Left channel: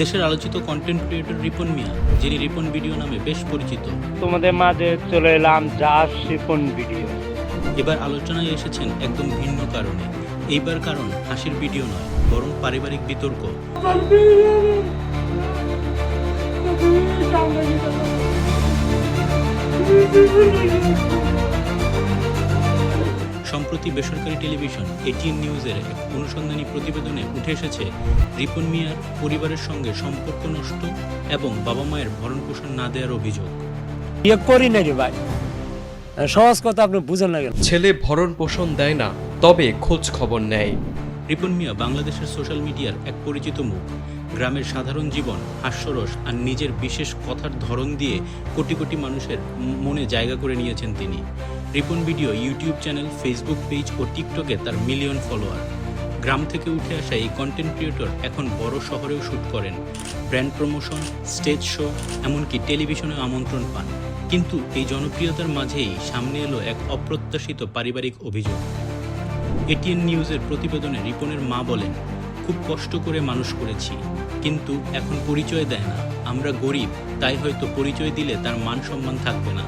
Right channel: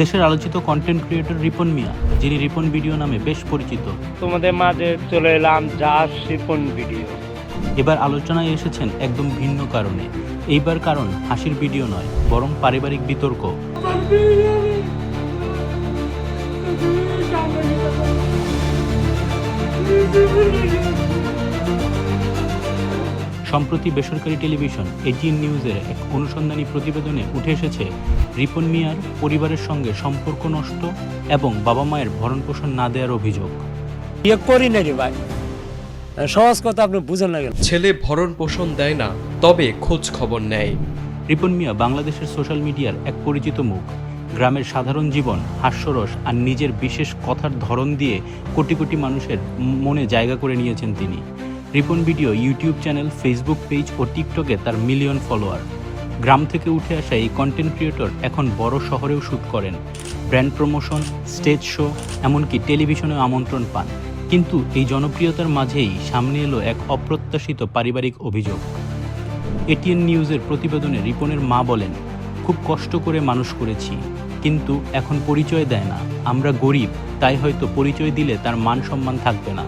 দেশের আলোচিত content creator Ripon মিয়া যিনি রিপন ভিডিও নামে বেশ পরিচিত। তোমাদের মাঝে চলে এলাম জাস রিপন ভিডিও। এবার আলোচনায় এসেছেন একদম ভিন্ন কারণে। এইবার কারণ হাসির ভিডিও নয় বরং পারিবারিক বিতর্ক। সম্প্রতি বেসরকারি টেলিভিশন এটিএন নিউজের এক অনুসন্ধানী প্রতিবেদনে উঠে এসেছে রিপন মিয়ার পরিবারের সঙ্গে সম্পর্ক নষ্ট এবং বাবা মায়ের ভরণ পোষণ না দেওয়ার অভিযোগ। বিয়ে করি না রে ভাই। সহজ কথা আপনি বুঝেন না ছেলে ভরণ পোষণ দেয় না তবে খোঁজ খবর নেয়। রিপন মিয়া বাংলাদেশের সোশ্যাল মিডিয়ার এক পরিচিত মুখ। গ্রামের সাধারণ জীবন হাস্যরস আর নিজের বিশেষ কথার ধরন দিয়ে কোটি কোটি মানুষের মনে জায়গা করে নিয়েছেন তিনি। Ripon video, YouTube channel, Facebook page ও টিকটকে তার মিলিয়ন ফলোয়ার। গ্রাম থেকে উঠে আসা এই কন্টেন্ট ক্রিয়েটর এখন বড় শহরেও শ্যুট করেন। ব্র্যান্ড প্রমোশন স্টেজ শো এমনকি টেলিভিশনে আমন্ত্রণ পান। কিন্তু এই জনপ্রিয়তার মাঝেই সামনে এলো এক অপ্রত্যাশিত পারিবারিক অভিযোগ। এটিএন নিউজের প্রতিবেদনে রিপনের মা বলেন, খুব কষ্ট করে মানুষ করেছি, কিন্তু এখন পরিচয় দেয় না। আমরা গরিব, তাই হয়তো পরিচয় দিলে তার মান সম্মান থাকবে না।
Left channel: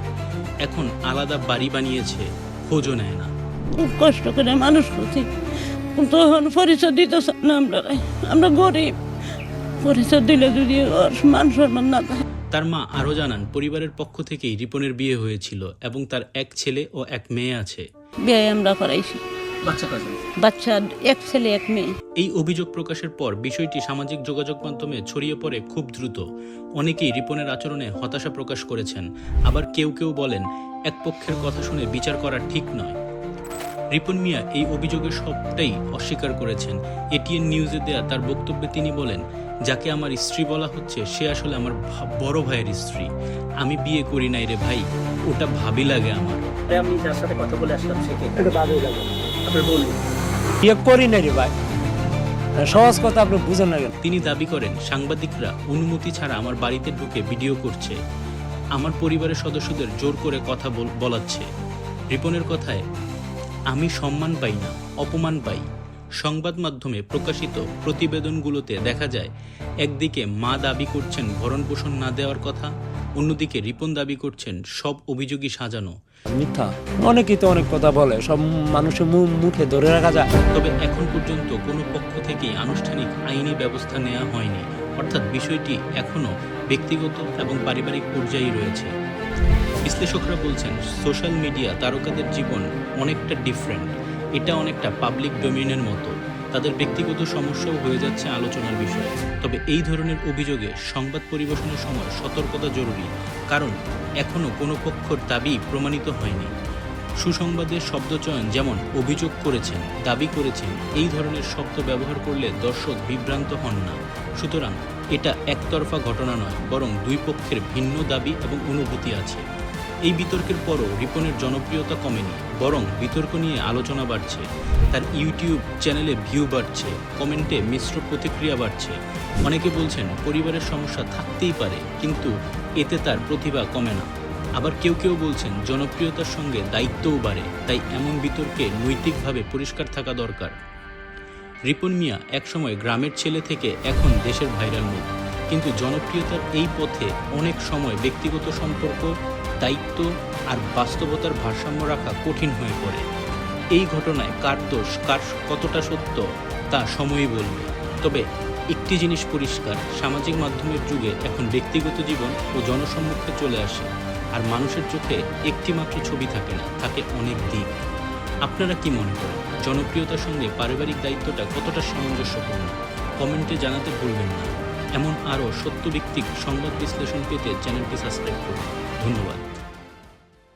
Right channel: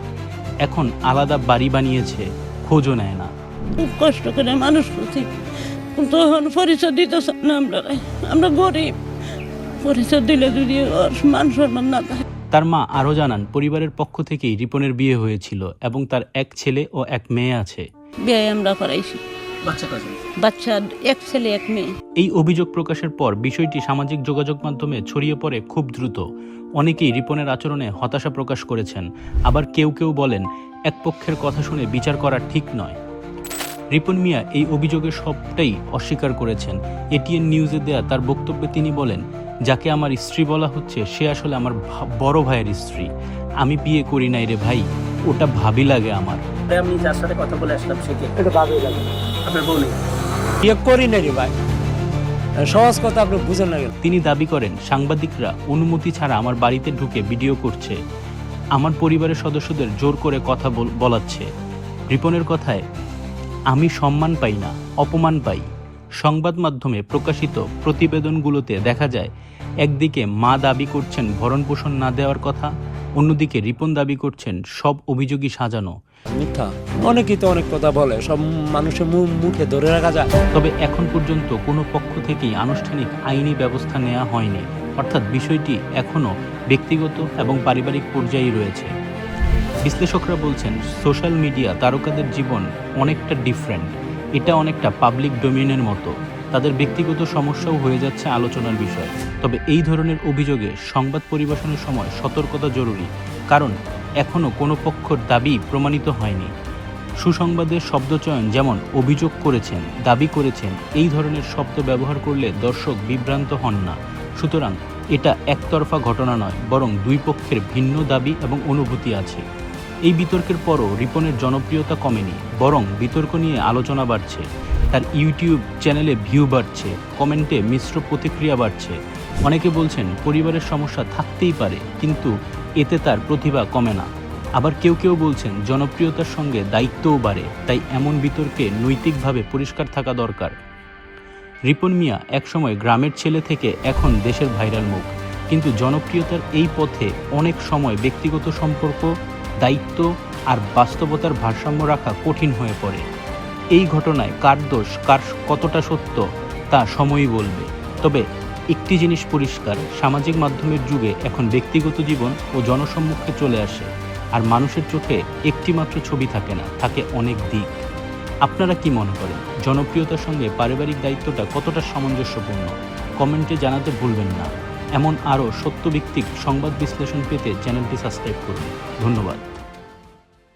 এখন আলাদা বাড়ি বানিয়েছে খোঁজও নেয় না। খুব কষ্ট করে মানুষ করছি। তখন পরিচয় দিতে না আমরা। আমরা গরিব। পরিচয় দিলে যদি মান সম্মান না থাকে। তার মা আরও জানান পরিবারের পক্ষ থেকেই রিপনের বিয়ে হয়েছিল এবং তার এক ছেলে ও এক মেয়ে আছে। বিয়ে আমরা করাইছি। বাচ্চা এক ছেলে এক মেয়ে। এই অভিযোগ প্রকাশের পর বিষয়টি সামাজিক যোগাযোগ মাধ্যমে ছড়িয়ে পড়ে খুব দ্রুত। অনেকেই রিপনের আচরণে হতাশা প্রকাশ করেছেন। আবার কেউ কেউ বলেন এক পক্ষের কথা শুনে বিচার করা ঠিক নয়। রিপন মিয়া এই অভিযোগের সবটাই অস্বীকার করেছেন। এটিএন নিউজে দেয়া তার বক্তব্যে তিনি বলেন যাকে আমার স্ত্রী বলা হচ্ছে সে আসলে আমার বড় ভাইয়ের স্ত্রী। আমি বিয়ে করি নাই রে ভাই ওটা ভাবি লাগে আমার। আমি যার সাথে কথা বলে আসলাম সে কে? লাগে আপনার বোন বিয়ে করি না রে ভাই। সহজ কথা আপনি বুঝেন না কেন? তিনি দাবি করেন সাংবাদিকরা অনুমতি ছাড়া আমার বাড়িতে ঢুকে ভিডিও করছে। আমার পরিবারের সদস্যদের জোর করে কথা বলাচ্ছে। রিপনের কথায় আমি সম্মান পাই না অপমান পাই। সংবাদ মাধ্যমে প্রকাশিত প্রতিবেদনগুলোতে দেখা যায় একদিকে মা দাবি করছেন ভরণ পোষণ না দেওয়ার কথা অন্যদিকে রিপন দাবি করছেন সব অভিযোগই সাজানো। মিথ্যা? অনেকেই তো অনেক কথা বলে, সব মানুষের মুখে ধরে রাখা যায়। তবে এখন পর্যন্ত কোনো পক্ষ থেকেই আনুষ্ঠানিক আইনি ব্যবস্থা নেওয়া হয়নি। অর্থাৎ বিষয়টি এখনও ব্যক্তিগত এবং পারিবারিক পর্যায়ে রয়েছে। বিশ্লেষকরা বলছেন, সোশ্যাল মিডিয়া তারকাদের জীবন অনেকটা ডিফারেন্ট এটা অনেকটা পাবলিক ডোমেইনের মতো। তাদের ব্যক্তিগত সমস্যাও হয়ে যাচ্ছে আলোচনার বিষয়। তবে এই ধরনের অভিযোগে সংবাদ পরিবেশনের সময় সতর্কতা জরুরি, কারণ এখনও কোনো পক্ষর দাবি প্রমাণিত হয়নি। সুসংবাদের শব্দচয়ন যেমন অভিযোগ করেছেন, দাবি করেছেন, এই ধরনের শব্দ ব্যবহার করলে দর্শক বিভ্রান্ত হন না। সুতরাং এটা একতরফা ঘটনা নয়, বরং দুই পক্ষের ভিন্ন দাবি এবং অনুভূতি আছে। এই বিতর্কের পরও রিপনের জনপ্রিয়তা কমেনি, বরং বিতর্ক নিয়ে আলোচনা বাড়ছে। তার ইউটিউব চ্যানেলে ভিউ বাড়ছে, কমেন্টে মিশ্র প্রতিক্রিয়া বাড়ছে। অনেকে বলছেন, পরিবারের সমস্যা থাকতেই পারে, কিন্তু এতে তার প্রতিভা কমে না। আবার কেউ কেউ বলছেন, জনপ্রিয়তার সঙ্গে দায়িত্বও বাড়ে, তাই এমন বিতর্কে নৈতিকভাবে পরিষ্কার থাকা দরকার। রিপন মিয়া একসময় গ্রামের ছেলে থেকে এখন দেশের ভাইরাল মুখ। কিন্তু জনপ্রিয়তার এই পথে অনেক সময় ব্যক্তিগত সম্পর্ক, দায়িত্ব আর বাস্তবতার ভারসাম্য রাখা কঠিন হয়ে পড়ে। এই ঘটনায় কার দোষ, কার কতটা সত্য, তা সময়ই বলবে। তবে একটি জিনিস পরিষ্কার, সামাজিক মাধ্যমের যুগে এখন ব্যক্তিগত জীবন ও জনসম্মুখে চলে আসে, আর মানুষের চোখে একটিমাত্র ছবি থাকে না, থাকে অনেক দিক। আপনারা কি মনে করেন, জনপ্রিয়তার সঙ্গে পারিবারিক দায়িত্বটা কতটা সামঞ্জস্যপূর্ণ? কমেন্টে জানাতে ভুলবেন না। এমন আরও সত্যভিত্তিক সংবাদ বিশ্লেষণ পেতে চ্যানেলটি সাবস্ক্রাইব করুন। ধন্যবাদ।